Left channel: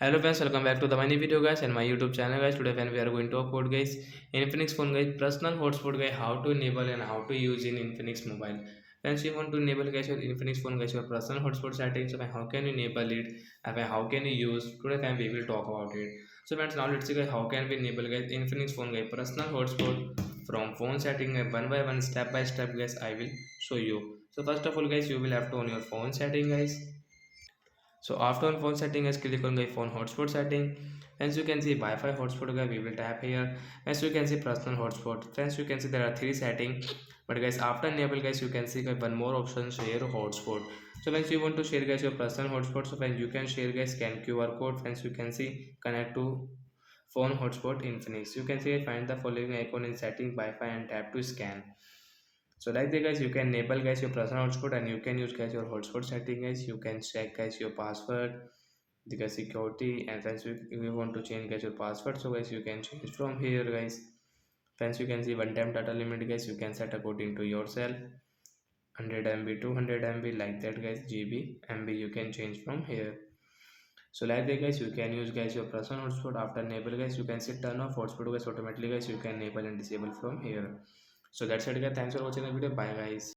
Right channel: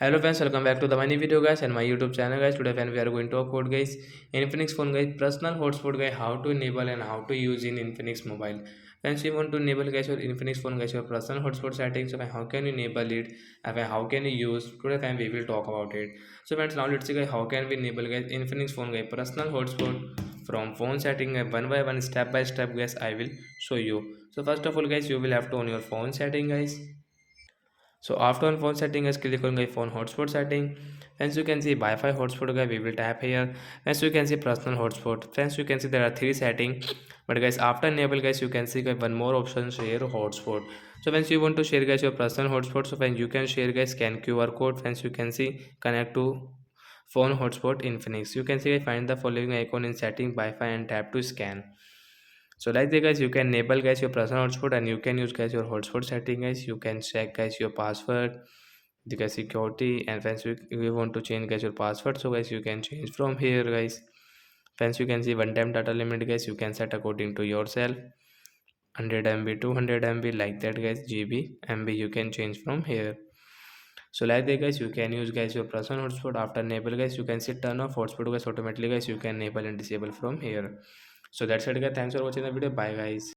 Hello friends, welcome back to the mini video guys and my YouTube channel guys. Today friends we are going to talk about guys Infinix phone guys personal hotspot guys, how to enable and how to use in Infinix mobile. Friends, you want to enable guys your Infinix phone guys your personal hotspot settings. So how can you enable it and how can you use? Today time we will talk about it. So friends, now let's see guys how can we enable guys Infinix phone guys personal hotspot from phone setting one by one, step by step guys. I will show you. So first of all guys, you will have to on your phone setting guys. So after on phone setting, let's click on the phone hotspot setting. As you can see Wi-Fi hotspot guy, we will tap here. As you can see personal hotspot. Friends, you can see there are three settings. But guys, after enable guys, you can see guys, one more option share hotspot. So once you want to share guys your personal hotspot, so when you can share guys scan QR code. Friends, you can see connect to phone hotspot Infinix. You can see find the following icon in setting Wi-Fi and tap to scan. So like that guys, you can enable guys your personal hotspot and you can use guys your hotspot setting guys. You can check guys your password, the guys security, and friends if you want to change guys your password, so guys you can change from here guys. Friends, you can see one time data limit guys, you can set according to yourself. 100 MB, 200 MB, like that guys. GB, MB, you can change from here. So like that guys, you can use guys your personal hotspot. After enable guys, you can see turn off hotspot guys automatically guys. You can enable and disable from here. So that's it guys, thanks for watching the video, bye guys.